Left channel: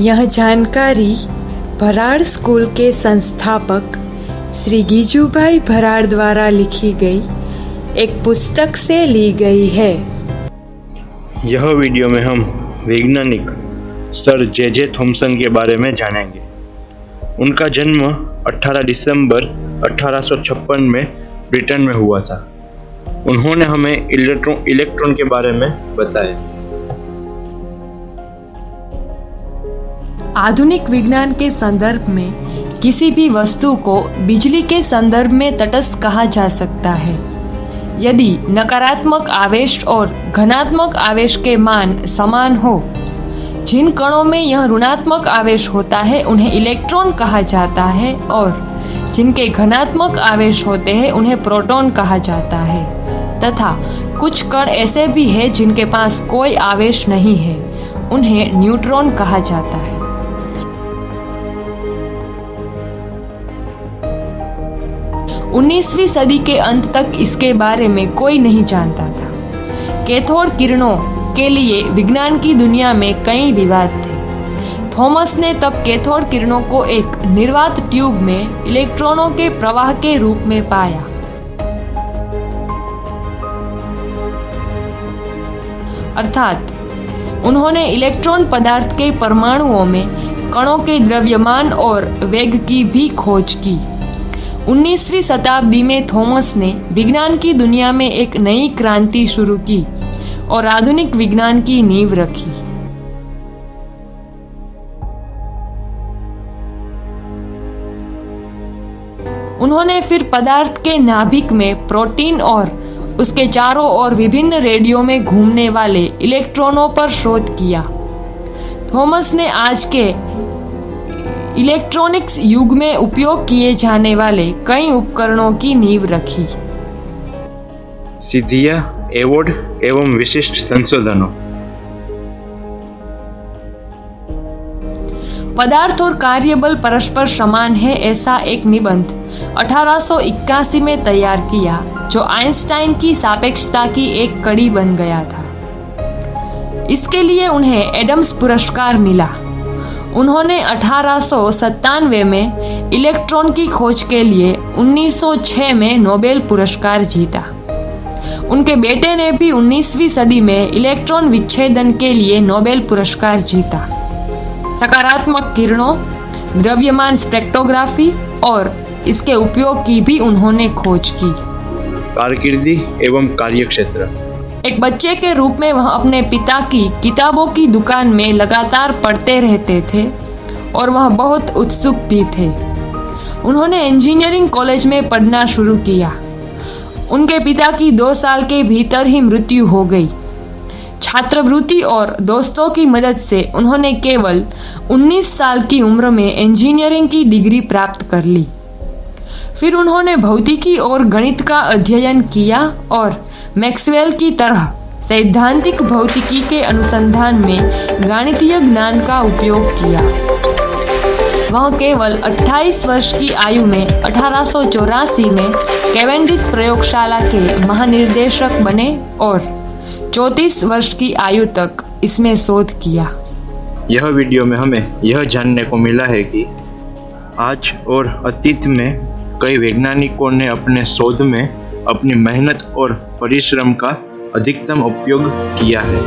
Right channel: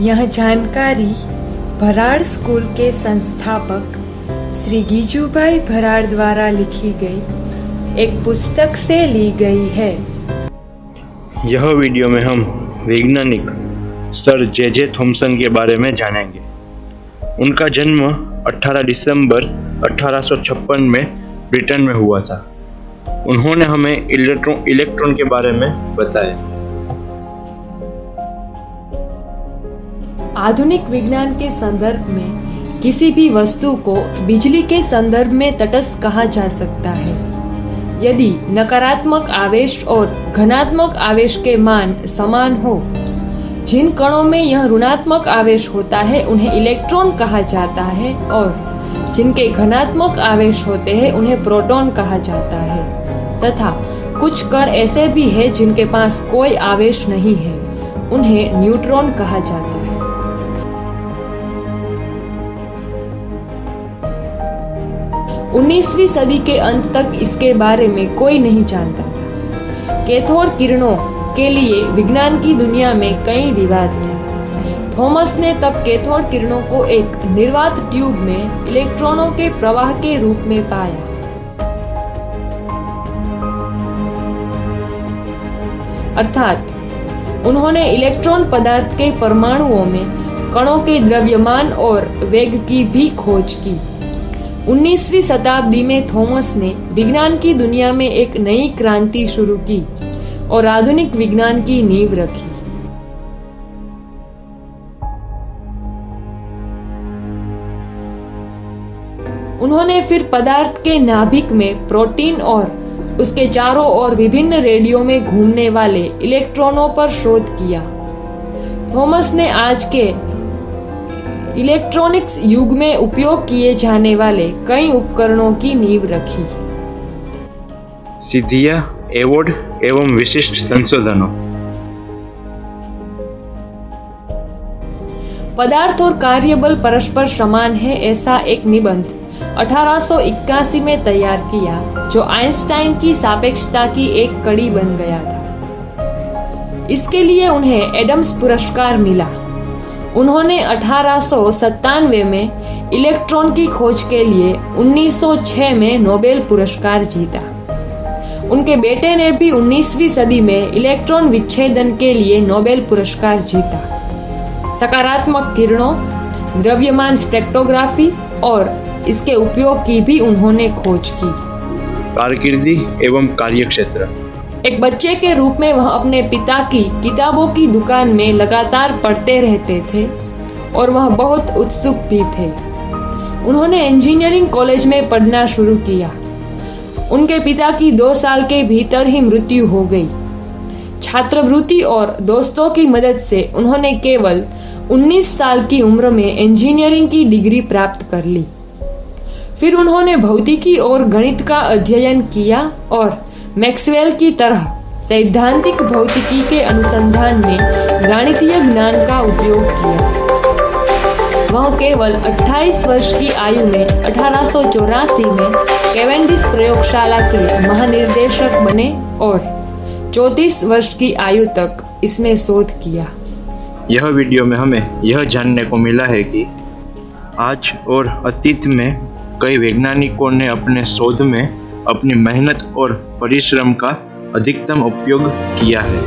यह जानकारी भराड़ स्कूल के संस्थापक श्री गीजूभाई भराड़ द्वारा लिखी गई एक पुस्तक से ली गई है। यह वीडियो में हम वैज्ञानिक सर जे थॉमसन के बारे में जानेंगे। उनका जन्म 18 दिसंबर 1856 में ब्रिटेन में हुआ था। उन्होंने हमें इलेक्ट्रॉन के बारे में बताया। आधुनिक विज्ञान के संदर्भ में किसी भी वस्तु को बिजली के संदर्भ में तटस्थ कहा जा सकता है यदि नकारात्मक आवेश और धनात्मक आवेश के मान समान हो। जिन कणों में यह ऋणात्मक आवेश होता है उन्हें इलेक्ट्रॉन कहा जाता है और जिनके धनात्मक आवेश होते हैं उन्हें प्रोटॉन कहा जाता है, तथा कुछ कण ऐसे भी हैं जिनके पास कोई आवेश नहीं है, उन्हें न्यूट्रॉन कहा जाता है। 19वीं सदी के अंत तक इसके बारे में कोई नहीं जानता था। कैथोड किरणों के लिए विज्ञान की दुनिया में कई विवाद थे। थॉमस ने तब कैथोड किरणों को एक निर्वात ट्यूब में इलेक्ट्रॉनों के प्रवाह के रूप में पाया। अर्थात उन्होंने इलेक्ट्रॉन पदार्थ के परमाणुओं में कणों के द्रव्यमान और वेग की भी खोज की। 19वीं शताब्दी में थॉमस ने विज्ञान की दुनिया में एक नई क्रांति शुरू की और आधुनिक विज्ञान की नींव रखी। उन्होंने फिर पदार्थ के नाभिक में प्रोटीन और उसके चारों ओर विभिन्न रेडियो में घूमने वाले इलेक्ट्रॉनों पर शोध किया। थॉमस ने आज के इलेक्ट्रॉनिक्स युग में उपयोग किए जाने वाले कई उपकरणों की नींव रखी। सिद्धियां, अवार्ड एवं विशिष्ट संशोधनों। पदार्थ और कार्यबल परस्पर समान है ऐसा एक निबंध 1881 में तैयार किया जो आइंस्टाइन की सापेक्षता की एक कड़ी बन गया था। इसके लिए उन्हें एडम्स पुरस्कार मिला। उन्होंने 1897 में इलेक्ट्रॉन की खोज के लिए 1906 में नोबेल पुरस्कार जीता। उनके बेटे ने भी 19वीं सदी में इलेक्ट्रॉन विच्छेदन के लिए नोबेल पुरस्कार जीता। सकारात्मक किरणों, द्रव्यमान स्पेक्ट्रोग्राफी और इसके उपयोग की भी उन्होंने खोज की। कारकिर्दी एवं कार्यक्षेत्र। एक बच्चे के रूप में वह अपने पिता की किताबों की दुकान में लगातार पढ़ते रहते थे और वह बहुत उत्सुक भी थे। उन्होंने इंजीनियरिंग कॉलेज में पढ़ना शुरू किया। उनके पिता की 2 साल के भीतर ही मृत्यु हो गई। छात्रवृत्ति और दोस्तों की मदद से उन्होंने केवल 19 साल की उम्र में इंजीनियरिंग की डिग्री प्राप्त कर ली। फिर उन्होंने भौतिकी और गणित का अध्ययन किया और मैक्सवेल की तरह सैद्धांतिक भौतिकी के अनुसंधान में गणितीय ज्ञान का उपयोग किया। वह केवल 28 वर्ष की आयु में 1884 में कैवेंडिश प्रयोगशाला के महानिर्देशक बने और 34 वर्ष की आयु तक इसमें शोध किया। यह वीडियो में हमें यह जानने को मिला है कि आज और अतीत में कई वैज्ञानिकों ने अपने शोध में अपनी मेहनत और परिश्रम का अधिकतम उपयोग किया है।